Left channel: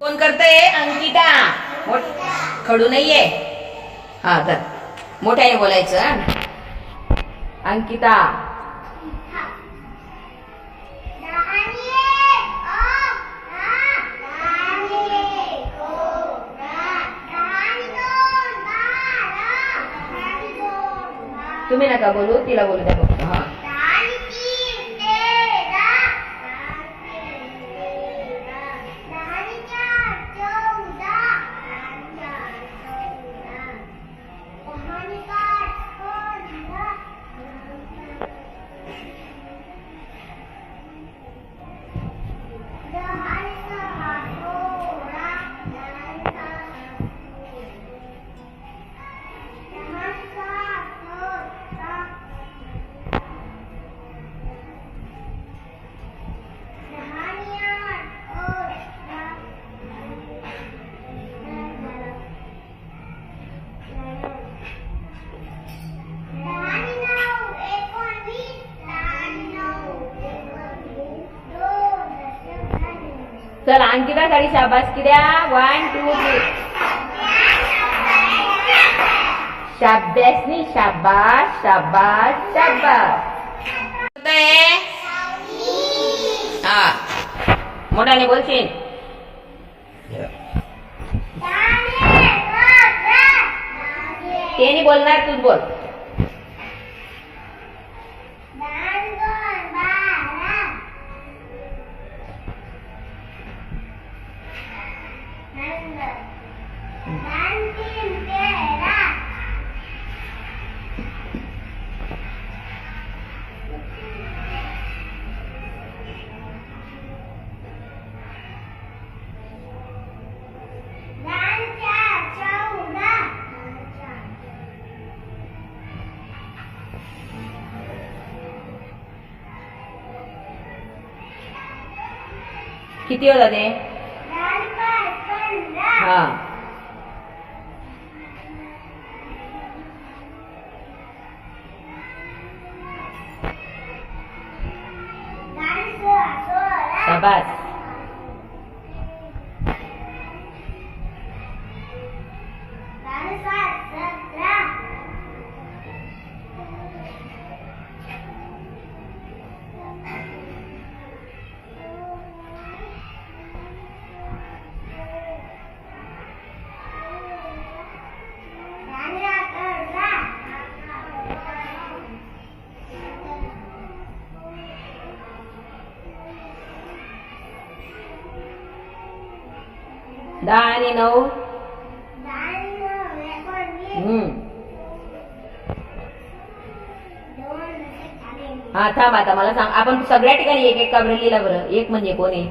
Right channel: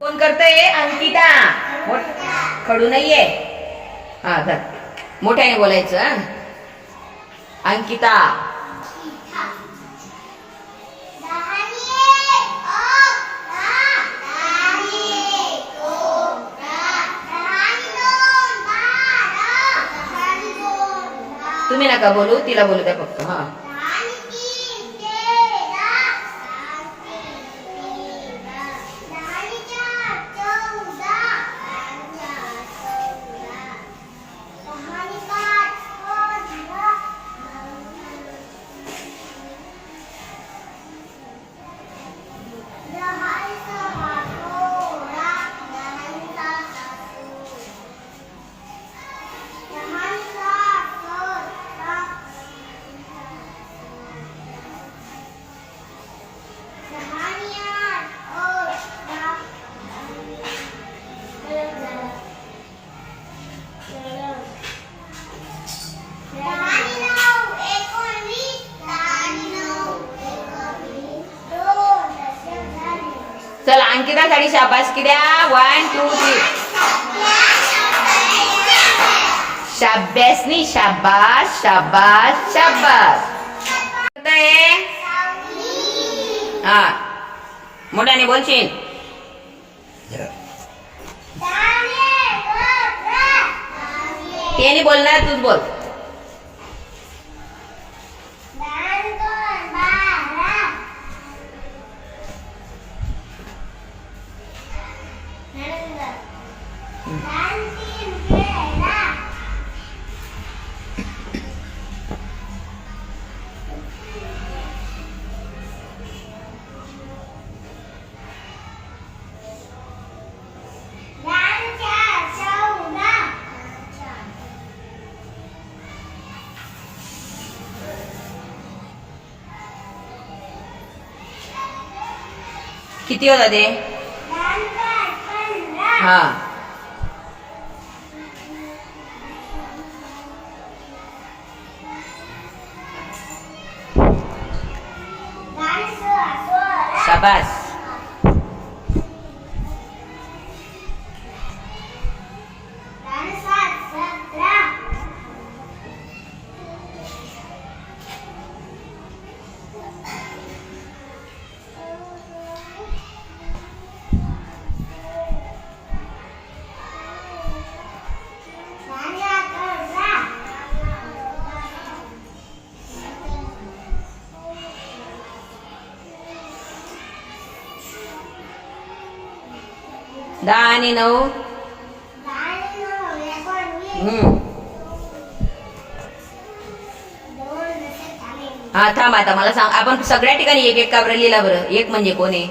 कोण करतय? अंकिता. मोठ खडू नाहीये. हा धर. मोठ्याने बोलायचं अंकिता. तुम्ही नका बोलू तिला बोलू द्या फक्त हा. चला अंकितासाठी शाबास किद्या वन टू थ्री शाब्यासनी शाबास शाबास शाबास करतंय? हा मोठ्याने बोलशील ते नाही बोलणार तूच बोल किती होता ते? हा. शाबास. दहा आणि नऊ. हम्म. हा थांब आता मला सांग. आपण सगळ्या ठिकाणी एक एक काबर लिहिला बरं. एक म्हणजे कोण आहे?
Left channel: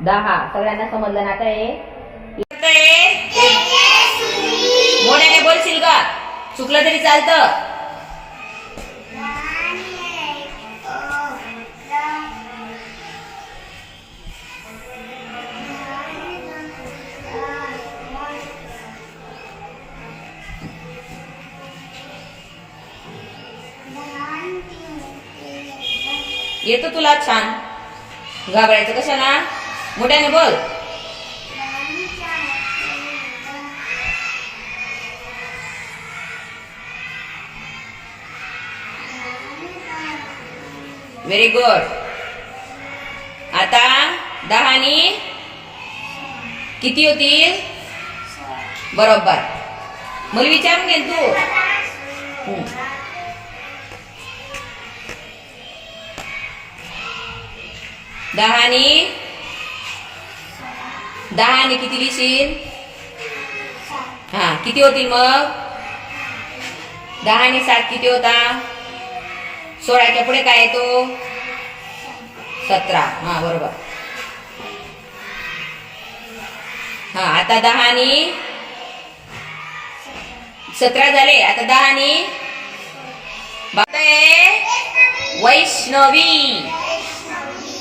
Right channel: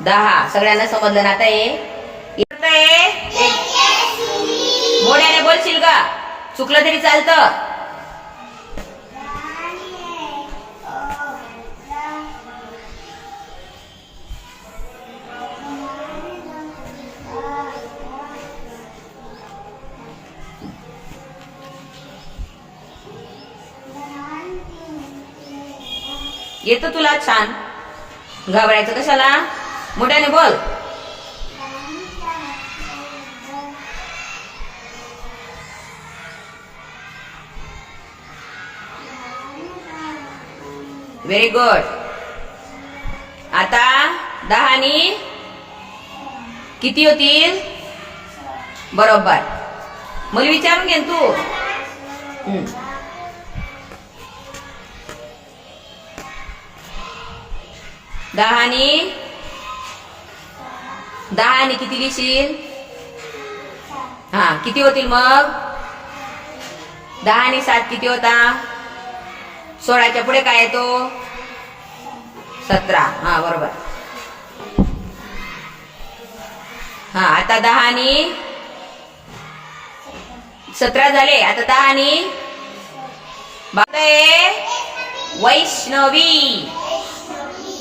दहा. सगळ्यांना समजलं ना आता हे? मोठ्याने बोलशील का? चुकलं तरी चालतं. येतं तुला छान. घाबरायचं कशाला? मोठ्याने बोल. व्हेरी गुड आता दहानी किती होतील? बरोबर. मला विचारून घे तू. दहानी? दहानी किती लिहिशील हा किती होतील मग? दहानी सात किती होता? सोळाच्या पुढे काय येतो सतरा. हा बरोबर. हा आता दहानी? सतरा झाले. आता दहानी? आणि बापरे! वैष्णवी.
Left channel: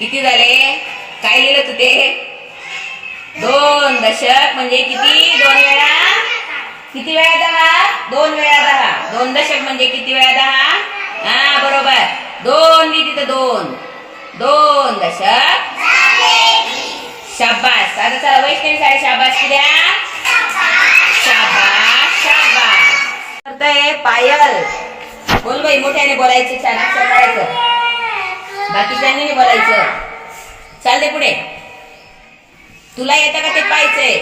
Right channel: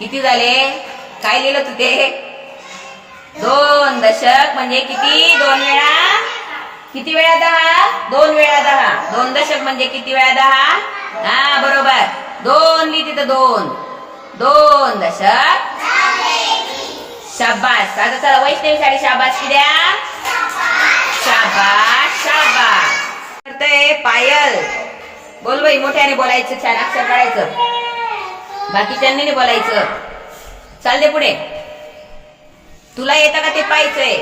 किती झाले? काय लिहिलं तू ते? दोन दशक म्हणजे किती? दोन वेळा? किती वेळा दहा? दोन वेळा दहा. दोन दशक म्हणजे किती वेळा दहा? हा बरोबर. दोन लिहि तिथं दोन. दोन दशक. शाबास. आता चला वैष्णवी साडी शाबास किद्या शाबास शाबास. करतय पायल. बोल बाई मोठ्याने बोलायचं छान असं करायचं बाकीच्यांनी नाही बोलायचं. चाल दे पुढे. तुला येतं का ते पाहायचंय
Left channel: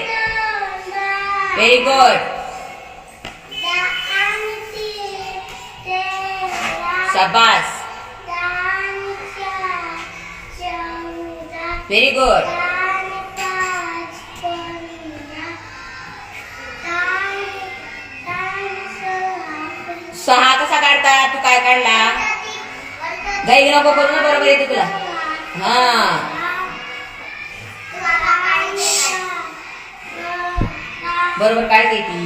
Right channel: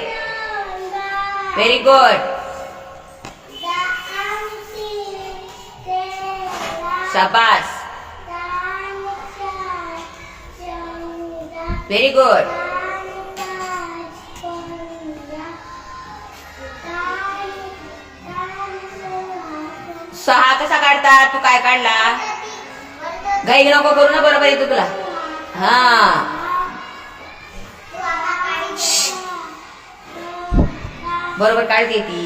व्हेरी गुड शाबास. व्हेरी गुड सहा कसा काढता? तू काय काढला? गाई नको करू ना बरोबर येतो तुला. हा. बरोबर काढते ती.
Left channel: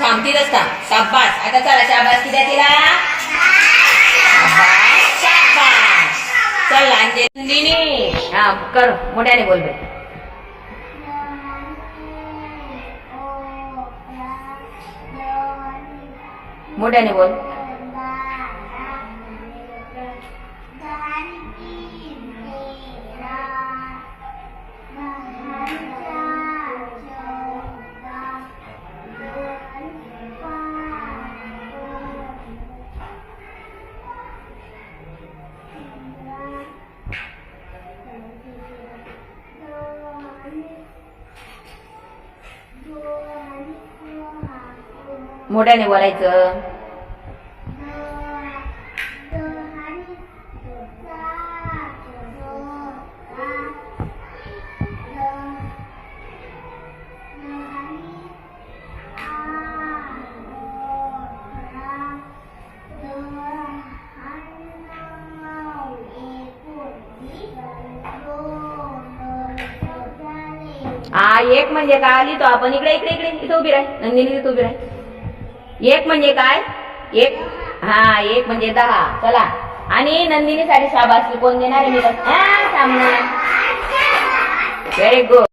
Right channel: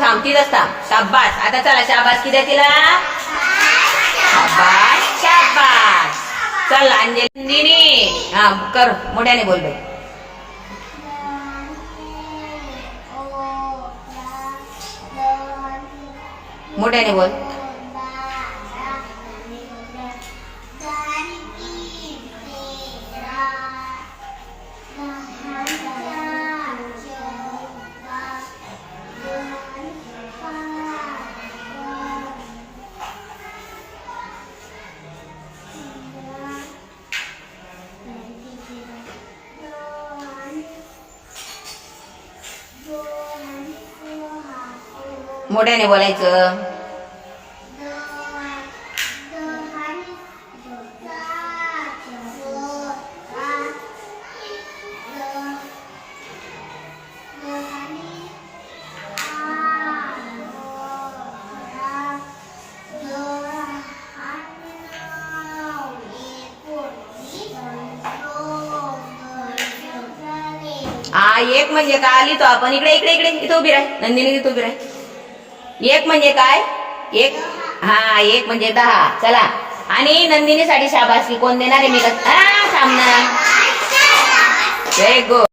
थांबतीच थांब शाबास. आता चला शाबास किती तिला? शाबास शाबास. चल अंजलीनी हा कर. मोठ्याने बोल बाई मोठ्याने बोल मोठ्याने बोलायचं. आ एक म्हणजे काय आली तो? आपण इकडे इकडे इकडे. इथं उभी राह. नंदिनी इथं उभी राह. एक म्हणजे काय? एक हा एक म्हणजे दहा. चला. आणि नंदिनी साठी शाबासकी. कोण देणार आहे? मी सामना. Very good